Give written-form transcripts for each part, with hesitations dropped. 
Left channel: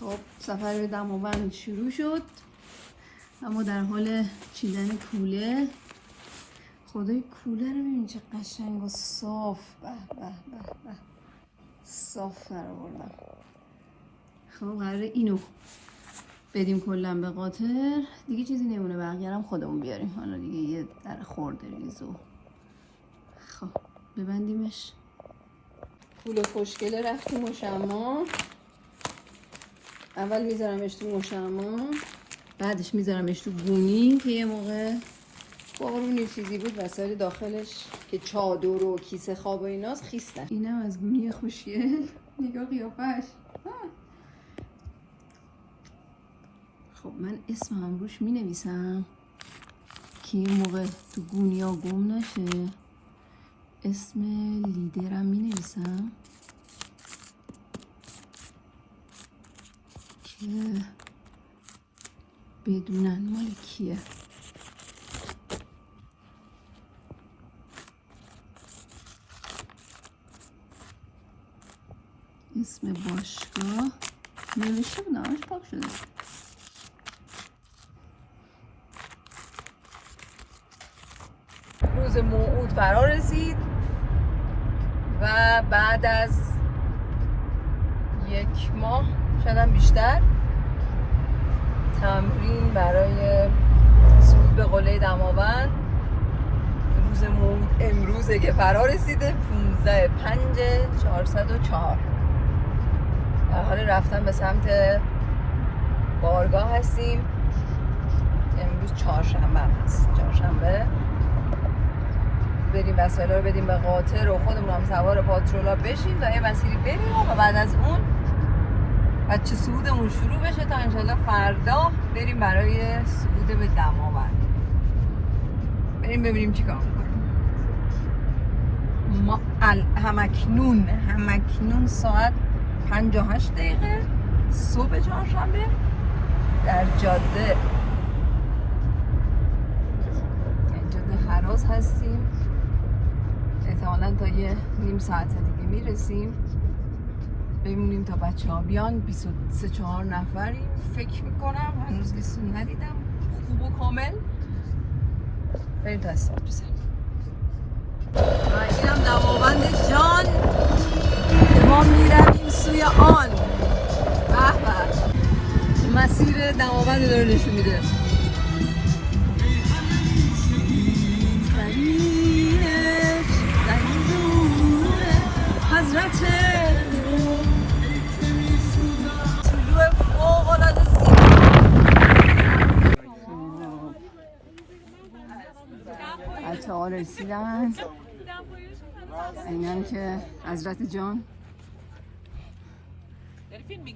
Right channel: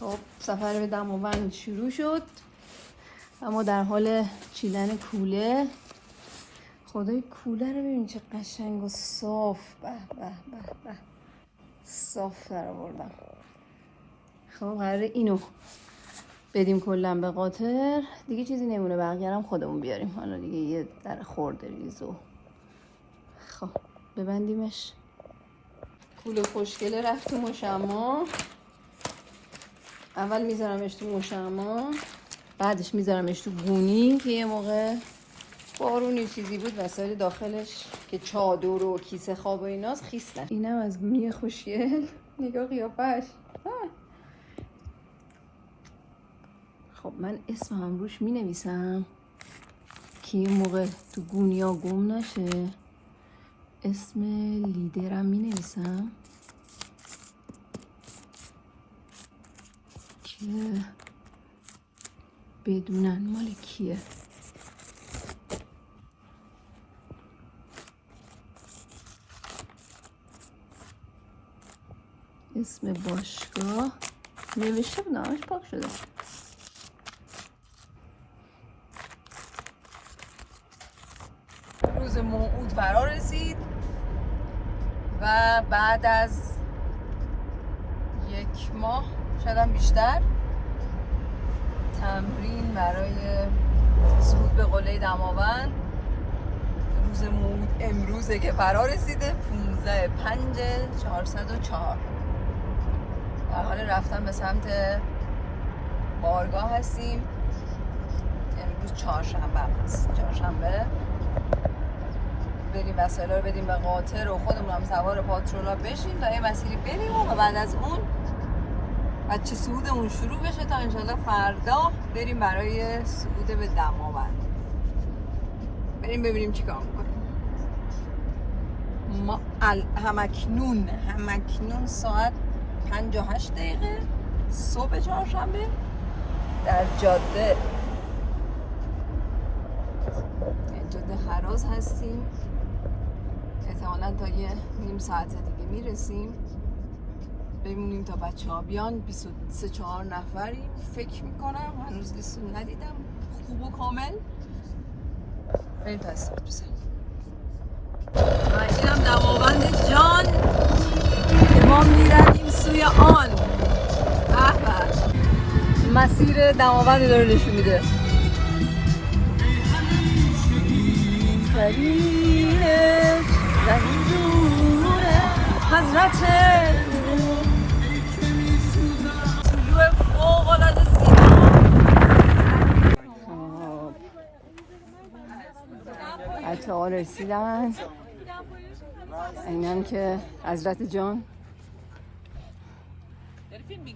خب سفر به دماوند شروع شد. اما در حال چیدن کوله. خدای کوله رو ببین چه قشنگ و صاف. به به به به صاف در آوردم. خب قراره اینو بدیم کلا به قاطر، دیگه چیزی نمونه، بقیه هم خودمون بیاریم. حالا دیگه یه در خورده ریزو. خب ببندیمش. کوله خوشگله رفت تو مشما. اول میذارمش تو مشما، بعدش میذارمش تو گونی که یه موقع بارونی چیزی بود وسایل داخلش که چادر و کیسه خواب و ایناست خیسته. اینم از گونی خوشگل. نگاه قیافش. خب من اسمم روش می نویسم که یه موقع تو گونیا گم نشه. اسم لیدرم می نویسم که بدونن مال کیه. اسم باشگاه نوشته بود، نامش پاک شده. روز موعود فرا رسید و بعد از 1 ماه شاید بیشتر تمرین برای صعود به قله دماوند، روز موعود امروزه که فرا رسیده. 15/5/404 در حال رفتن به سمت بارگاه هستیم. امروز چهارشنبه هست. چهارشنبه بریم وسایل رو بدیم به قاطر و خودمون هم سوار پاترولا بشیم تا یه مسیری بریم و بعد از اون بچه صعودمون شروع بشه تا انشالله فردا بریم برای صعود به دماوند. بریم ببینیم چی کار میکنیم. ما همکنون ساعت 58 دقیقه صبح چهارشنبه در جاده هراز هستیم. احتمالاً تا یه نیم ساعت دیگه میرسیم. ببینیم تا بچه ها بیان. 23-4 نفری فکر میکنم. هنوز لیستو ندیدم خوب و کامل. بریم تا استارت بزنیم. اینم دماوند جان. ما میرویم سوی آن. به به مسیر دماوند رو نشون میده. حضرت طلوع فوق العاده زیبا. بچه ها رسیدن. اینم که حضرت جان.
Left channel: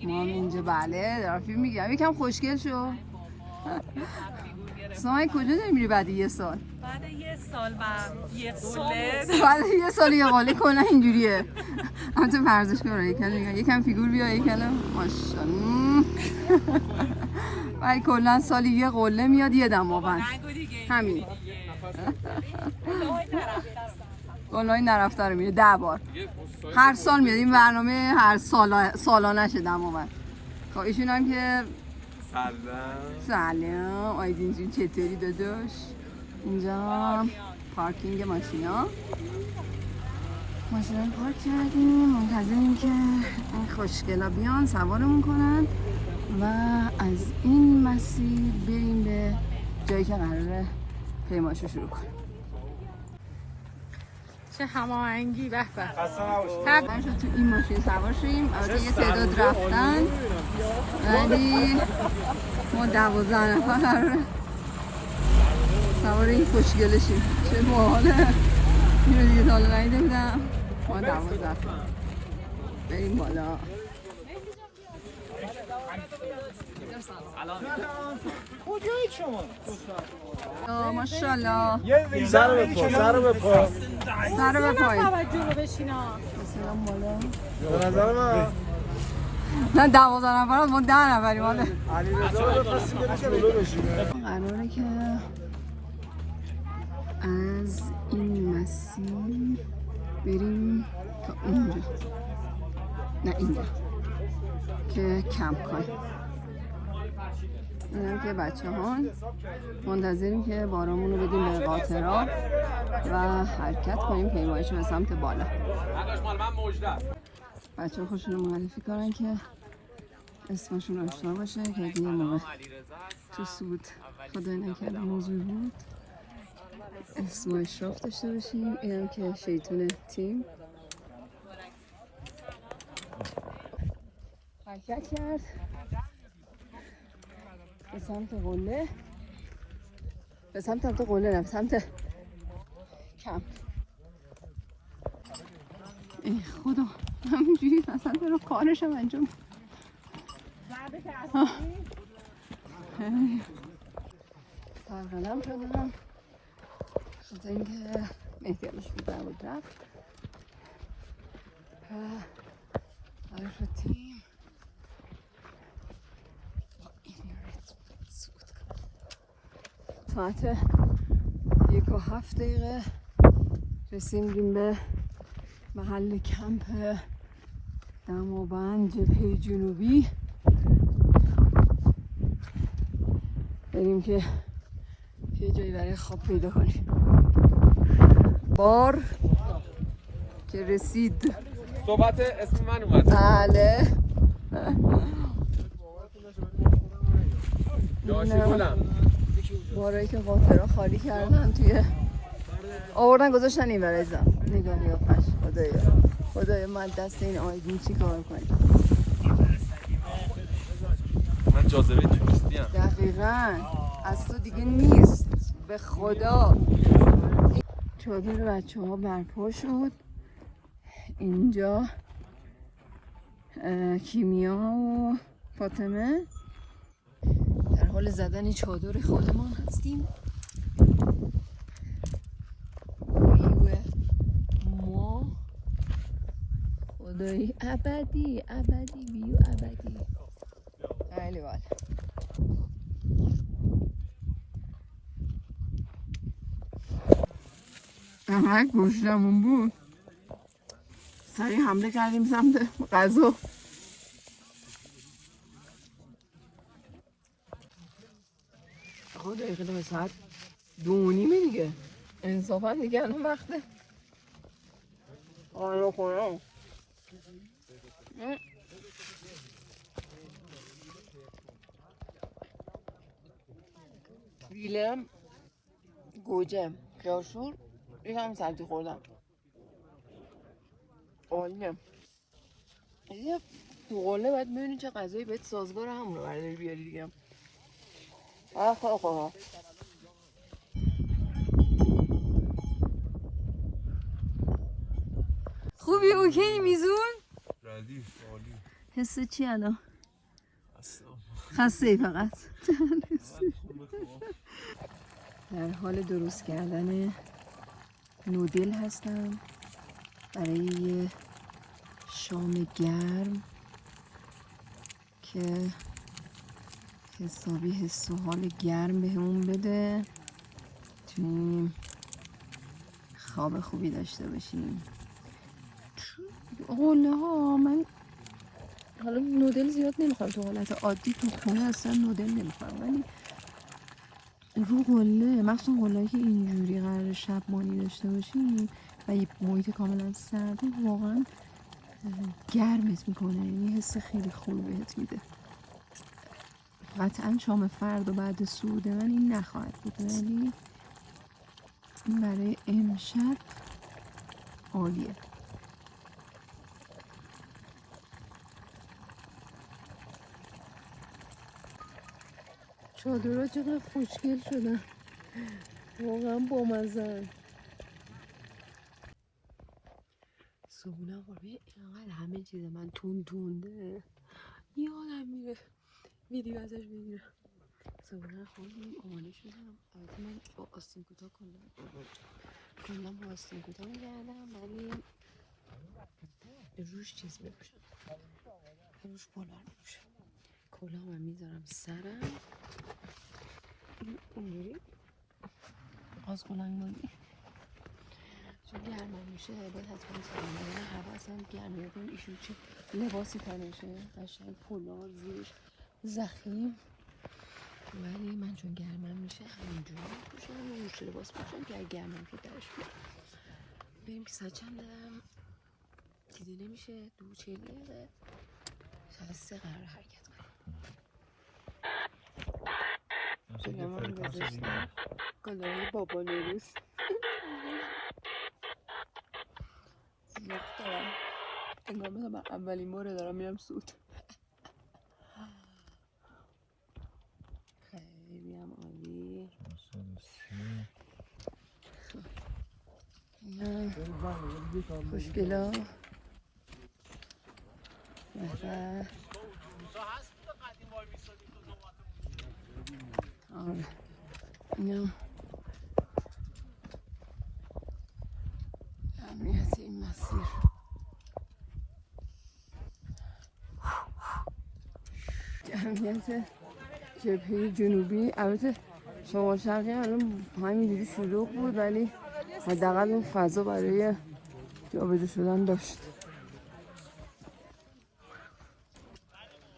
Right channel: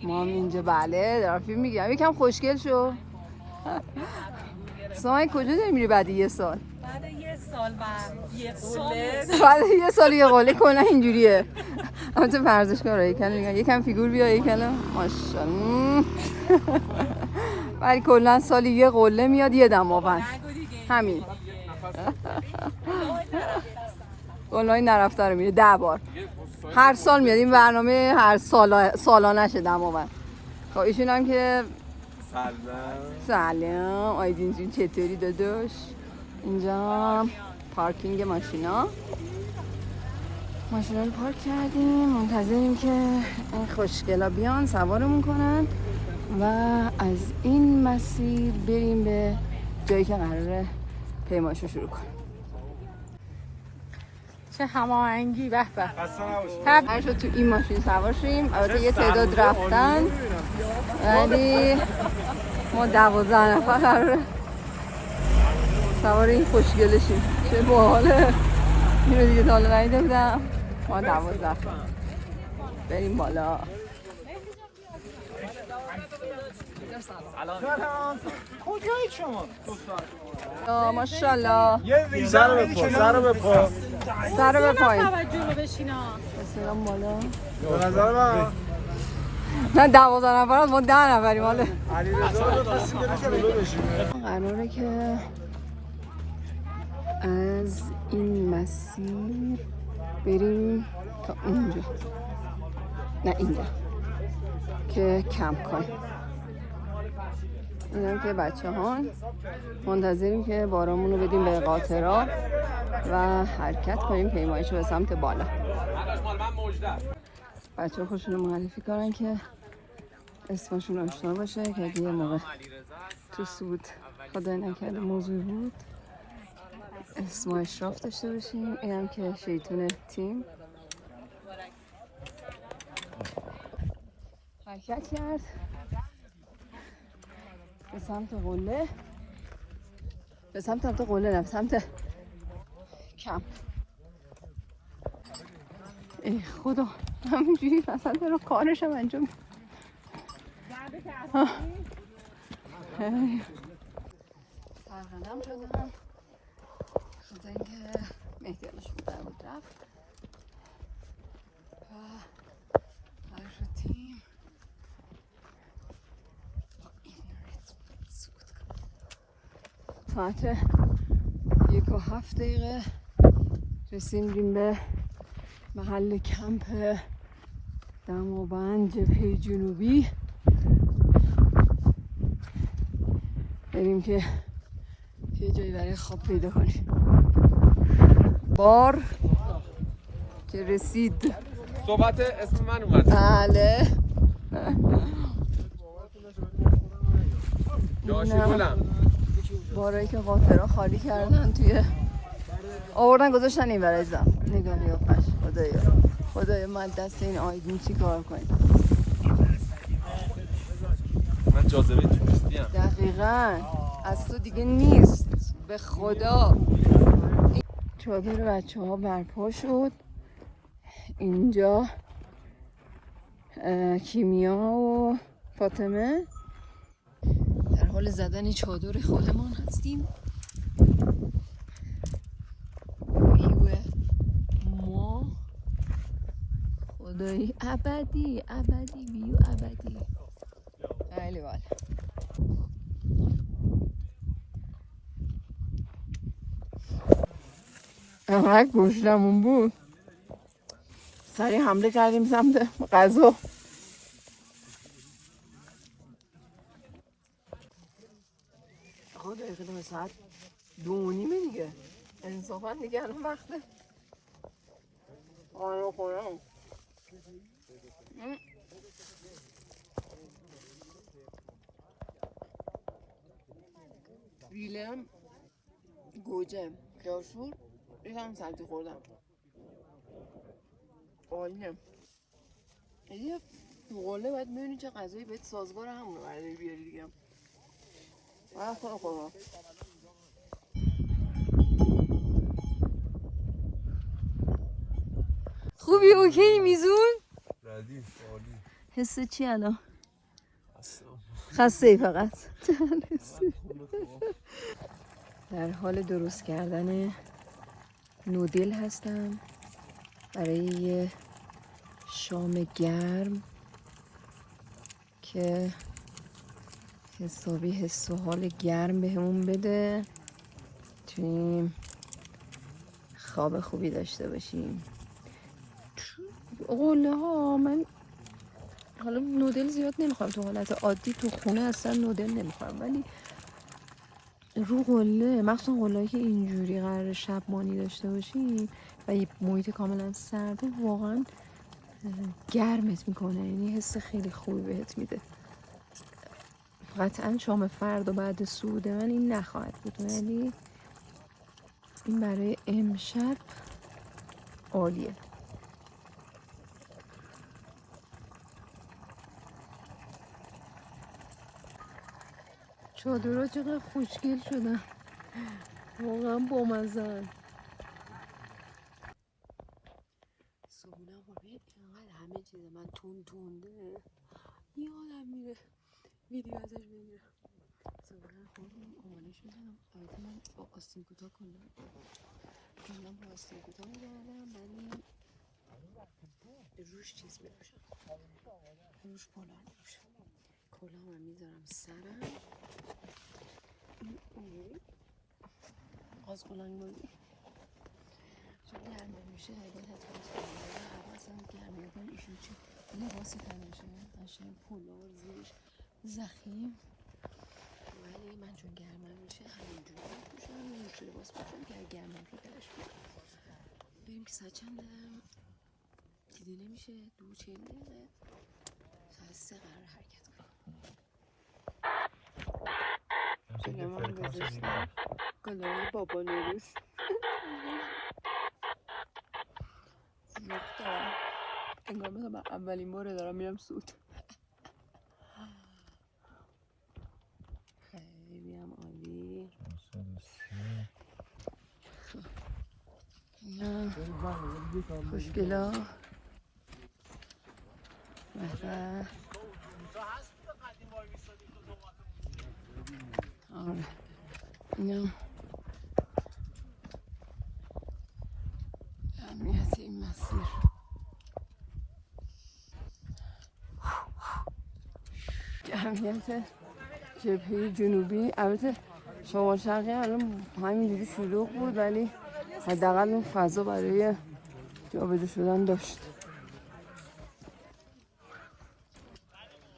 ما هم اینجا بله دارم فیلم میگم. یکم خوشگل شو. سامای کجا داری میری بعد 1 سال؟ بعد 1 سال و 1 قله. بعد 1 سال 1 قله کلا اینجوریه. البته ورزشکاره یکم میگن یکم فیگور بیا یکم ماشاءالله. ولی کلا سالی 1 قله میاد 1 دماوند. همین. قله‌ای نرفته رو میره 10 بار. هر سال میاد این برنامه. هر سالانه شه دماوند. خب ایشون هم که سلام آی جین چطوری داداش؟ اینجا پارکینگ ماشینا رو پارک کردیم. منتظریم که این خوشگلا بیان سوارمون کنن و از این مسیر بریم به جایی که قراره پیماشو شروع کنیم. چه هماهنگی. به به. هر شد تو این مسیر سوار شدیم. البته یه تعداد رفتن ولی ما 12 نفر قراره سوار این خوشگله شیم که باحاله. اینو دیگه تا حالا ندیده بودم. ما 12 بریم بالا. کجایی شما؟ ماشاءالله. سر بپایین. به نظر من نه 12 نفر ما 10 نفریم. حالا قراره که از این مسیر بریم تا اینجا. نه اینجا که کمپ کنیم. اینم که بچه ها منتظریم که بارامون رو بدیم به قاطرها و حرکت کنیم پیمایش به سمت بالا. بچه ها خوشون معرفی کنن که اسمشون آشنا باشه که اگه یه موقع تو سود خدای نکرده موضوع بود اسم و اشراف داشته باشیم. اینم که شیطون تیم حرکت کرد به سمت قله، به سمت قله نه، به سمت کمپ. ای خدا همینجوری مثلا دارم کارشم انجام فرقدم شدم خدا اینکه مهدی هم سیدن بود رفت عرف تیم ساعت 1:07 رسیدیم به محل کمپ دماوند جبهه جنوبی. بریم که یه جایی برای خواب پیدا کنیم. بار که رسید. صحبت اسم من اومد. بله. بارایی که قاطرها خالی کردن توی آوردن گذاشتن این برای زم. نگاه نیافتش. خدایا من دست این آیدین چی کار کنیم. من جاذبه توریستی ام. دقیقاً از تو دیگه نیست به خدا. چادر بچه ها برپا شد. اینجا کیمیا و فاطمه در حال زدن چادر خودمان هستیم. ویو ما خدایی ابدی ویو ابدی. خیلی بالا. اما گوشتمون بود سریع حمله کردیم سمت غذا. آقا دقیقه به ساعت 2:30 دیگه انصافا دیگه الان وقته آنو خونم. ویلم گوجه خیارشور یکم سبزی خوردم. عالیه. یه قله باید ببینی چه غذایی بهت سازگار همون رو برداری بیاری دیگه. خواه خوبی اوکی میزون؟ ردیف عالی. حس چی الان؟ خسته ای فقط. در حال درست کردن نودل هستم برای یه شام گرم که حسابی حس و حال گرم بهمون بده چونیم خواب خوبی داشته باشیم. قله ها من حالا نودل زیاد نمیخوام، تو حالت عادی تو خونه اصلا نودل نمیخوام، ولی رو قله مخصوصا قله‌ای که اینجوری قرار شب مانی داشته باشی و یه محیط کاملا سرده واقعا گرمت میکنه، یعنی حس خیلی خوبی بهت میده. قطعا شام فردا بعد سود من این نخواهد بود، ولی این برای امشب عالیه. چادرها چقدر خوشگل شدن، واقعا بامزه. صبونه قربه اینقدر همه چیز من تونده یادم میره ویدیو ازش بگیرم. صبونه خوردیم آمالش میدم. البته من با آستین کوتاه کلا با آستین کوتاه میگردم، ولی روش چیز میپوشم، روش پولار میپوشم. کلاه من میذارم سرم اینجوری آز بلنگوزی، چون گرمم میشه باید حتما میزنم، بگم هوا اصلا گرمه یا کنم ایشون چی لباسی تنشه قشنگ پولار زیرش زخیم، ولی من چون گرمم میشه همینجوری میپوشم و روش لباس پوشم که اگه گرمم شد درش بیارم. بریم که ساعت چنده؟ دیده نمیشه 2:40 ساعت 3 قرار حرکت کنیم. گلای بابا نوروز انگار مثلا اولین باره دارم میرم سود. خیلی هم عالی. نه خوشگلا بحبه. آره اینا اهمیت این مسیر. اهمیت جبهه جنوبی. البته شمال شرقی الان همینجوری شلوغ بود، ولی حداقل اون فضا برای جابجا شدن داشت.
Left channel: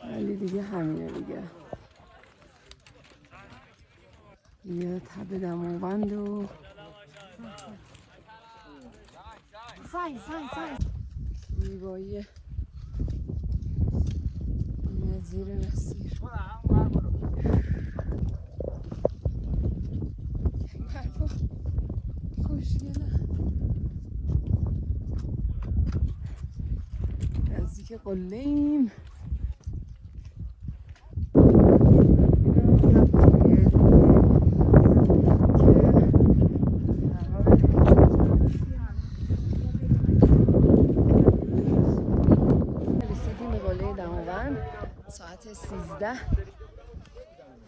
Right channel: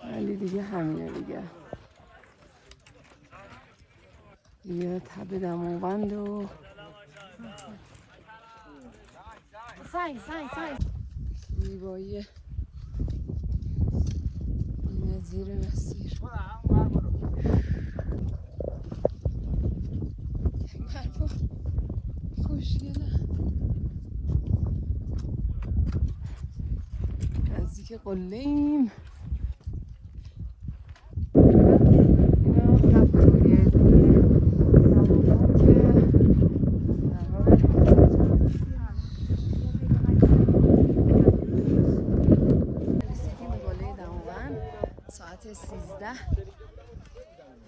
ولی دیگه همینه دیگه تب دماوند و زیبایی نظیر مسیر. برفا خوشگله. نزدیک قله ایم. ساعت 13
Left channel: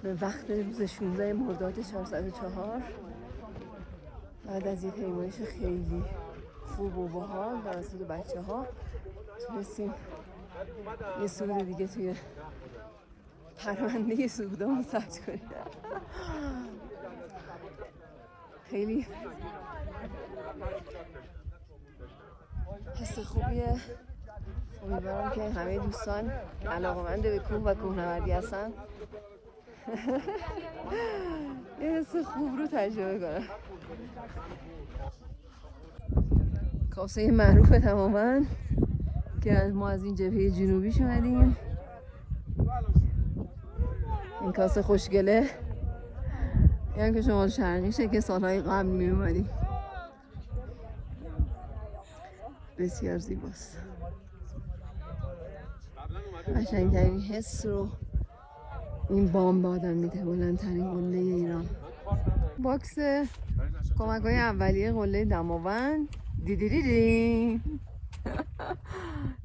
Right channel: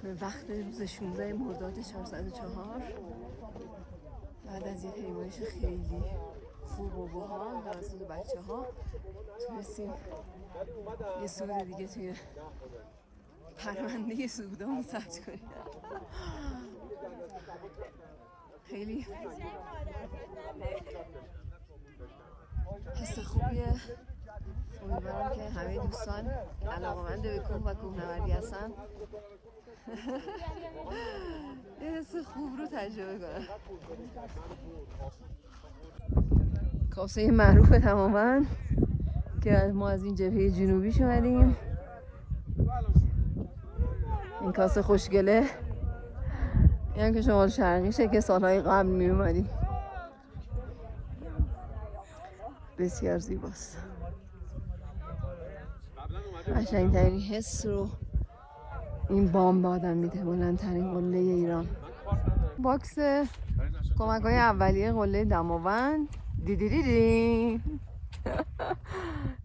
به وقت روز 16 مرداد 404 بعد از یه پیمایش خیلی خوب و باحال توسط بچه‌ها تونستیم یه سود دیگه توی پرونده سودامون ثبت کنیم. خیلی حس خوبیه. امیدوارم که همه دوستان علاقه‌مند به کوه و کوهنوردی هستن یه حس خوب رو تجربه کنن. کاسه معروف تماما که ما از این جبهه جنوبی شدیم. این کاسه خوشگله یعنی که شمال شرقیشه که سالهای قبل می اومدیم. بسیار زیباست. قشنگترین حس رو این بام به آدم میده. بلندترین قله ایران. باکس کمک‌های اولیه قله دماوند. دیدی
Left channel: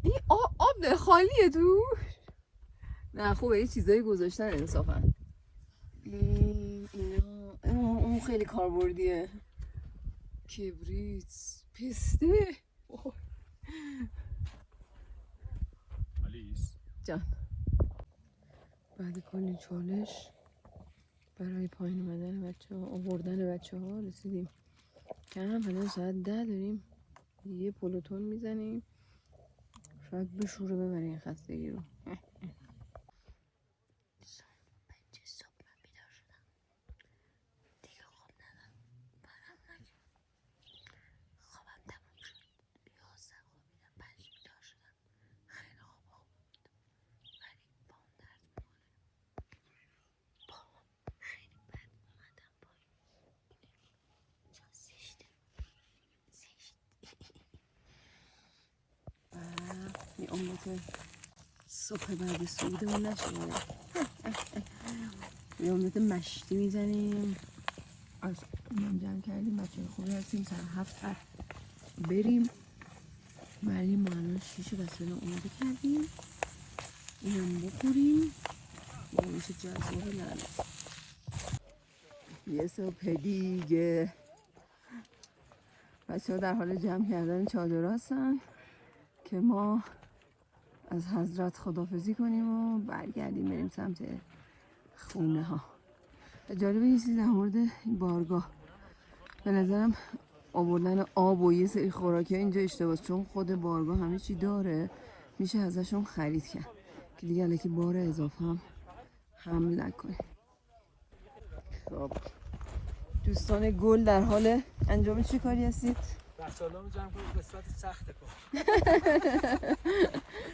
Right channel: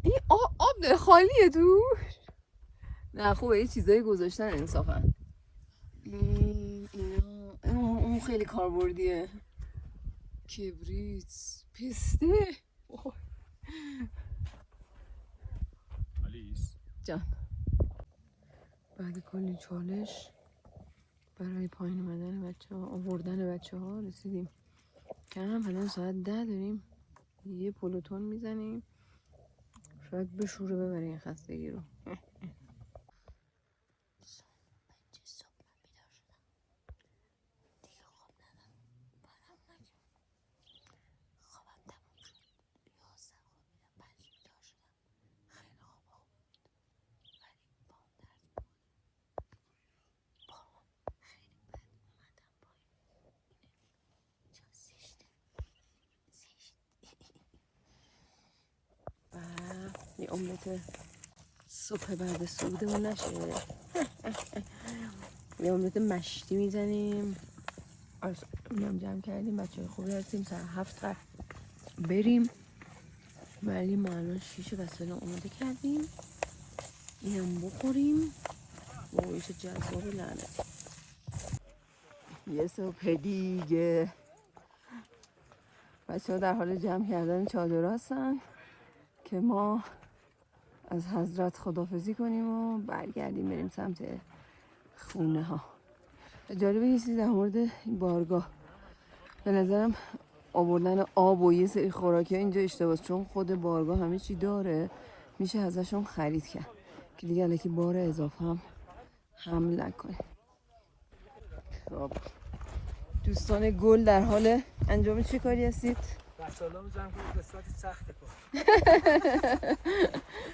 این آب خالیه توش. نه خوبه یه چیزایی گذاشتن انصافا. اون خیلی کاربردیه. کبریت، پسته. جان بعد کلی چالش برای پایین اومدن بچه‌ها، آوردن بچه‌ها رسیدیم کم. الان ساعت 10 داریم یه پلوتون میزنیم شاید بشوره ببره این خستگی رو. یه املت صبح بعد سودمون نشه. یه املت مشتی میزنیم. اونم جمع کردیم. بچه خوبی هستیم. تا 7 قرار بریم ولی ما الان 6 وسایل آماده کردیم. اینم بخوریم. بایش جذاب لعنه. یه صبح دیگه بچه ها در حال جمع کردن چادر هستن که ما از حضرت خداحافظی کنیم و برگردیم بریم سمت خونه ها. جالبه یه چیزی در مورد این بارگاه به نظرم آوردن آب و یه سری خوراکی اینجا اشتباهه، چون خود بارگاه همه چی داره میشه ازشون خرید کرد که دیگه الکی بار اضافه هم حمل نکنه. خب دوستان گل در حال انجام چی کاری هستید؟ بچه‌ها می‌ذارم که قسمت سخت کن.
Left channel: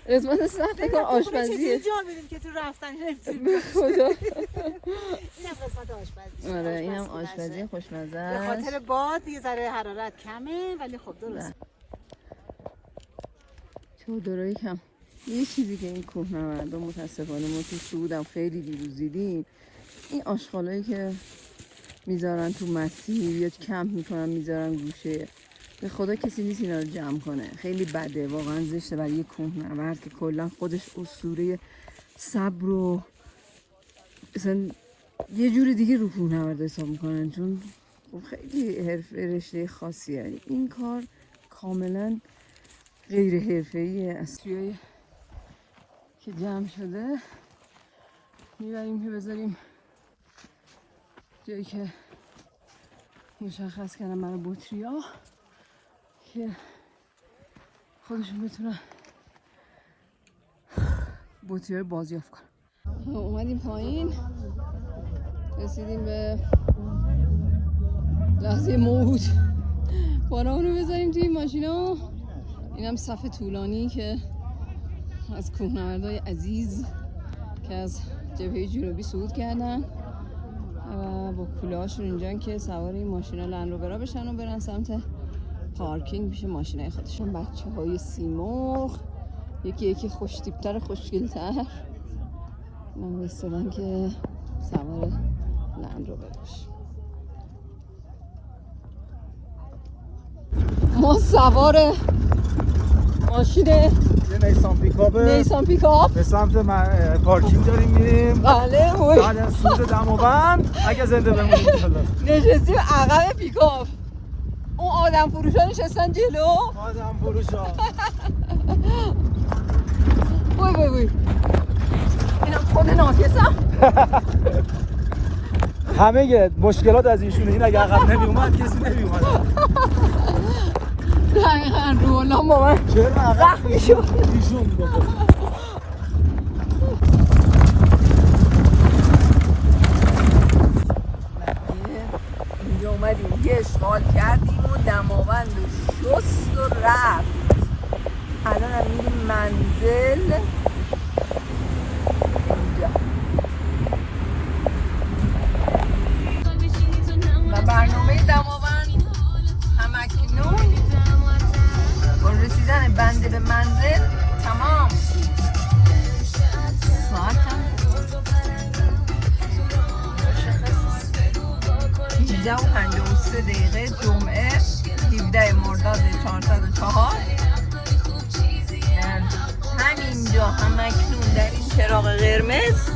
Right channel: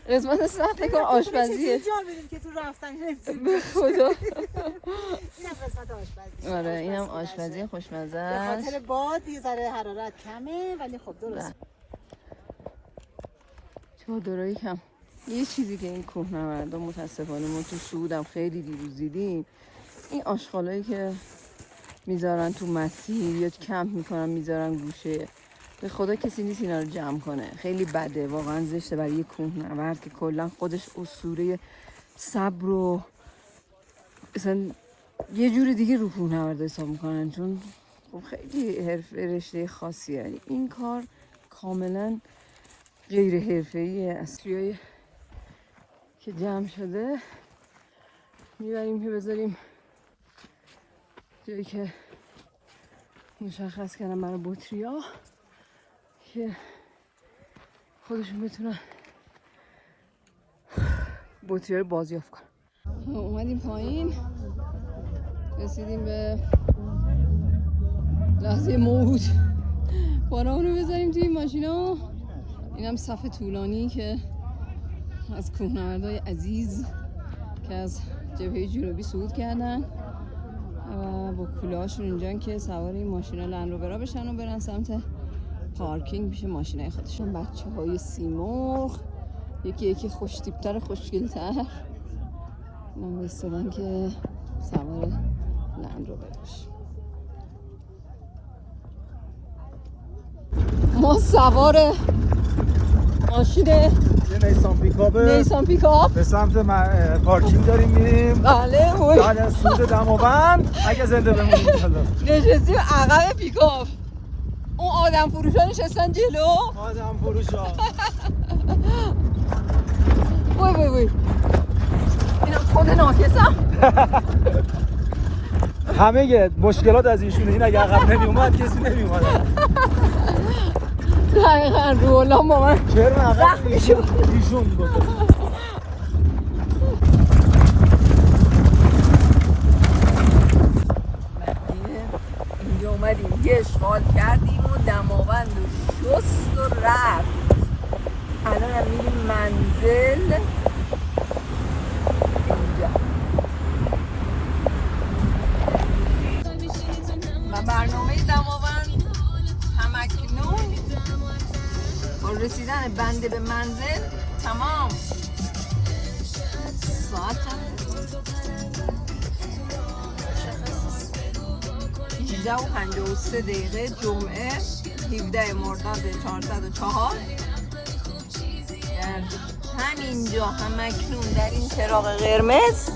قسمت سخت کار آشپزیه. جا میرید که تو رفتن به خدا. اینم قسمت آشپزی. آره اینم آشپزی خوشمزه به است. خاطر باد یه ذره حرارت کمه ولی خب درست. چادرایی کم. یه چیزی که این کوهنوردا متاسفانه ما تو سعودم خیلی دیروز دیدیم، این آشغالایی که میذارن تو مسیر یا کمپ میکنن میذارن گوشه، به خدا کسی نیست اینا رو جمع کنه. خیلی بده، واقعا زشته برای یه کوهنورد که کلا خودش اسطوره صبر و مثلا یه جور دیگه رو کوهنورد حساب میکنن، چون خب خیلی رشته خاصیه. این کار کاملا غیر حرفه‌ایه. اصلیایی که جمع شده میبریم که بذاریم جایی که مشخص کردم برای بطری‌ها که خودشون بتونن بطری‌ها رو بازیافت کنن. اومدیم پایین، رسیدیم به لحظه موعود. بارمون رو بذاریم توی ماشینا. اینم صف طولانی که از کوهنوردای عزیز که از جبهه جنوبی صعود کردن با کوله هاشون اینجان که سوار این ماشینا لندروورا بشن و برن سمت پارکینگ پیش ماشینای خودشون. بچه های سیمرغ یکی خوشتیپتر خوشگلتر من بستدن که سوار لندروورا بشن. ما سوار ماشین یه نیسان پیکاپ به سمت پارکینگ داریم میریم. بله خوش بعد از سود دماوند اگه زنده بمونیم نشستیم عقب پیکاپ. اون آدم فروشا نشستن جلو. آدم فروشا وای اینم خود ناکسم. همه مشکلات از ایشونه. این اگه عقب نمی اومد کسی نمی اومد. دقیقا رولا با من زخمی شد. اینجا اومدیم یه اشغال کردیم و دماوند و شست و رفت. الان هم میریم منزل اینجا و برنامه دماوند همکنون با رسیدن بنده به منزل تمام. ساعت هم مشخص 18:53 جمعه 17 مرداد 404. همینجا همکنون در این چراغ قرمز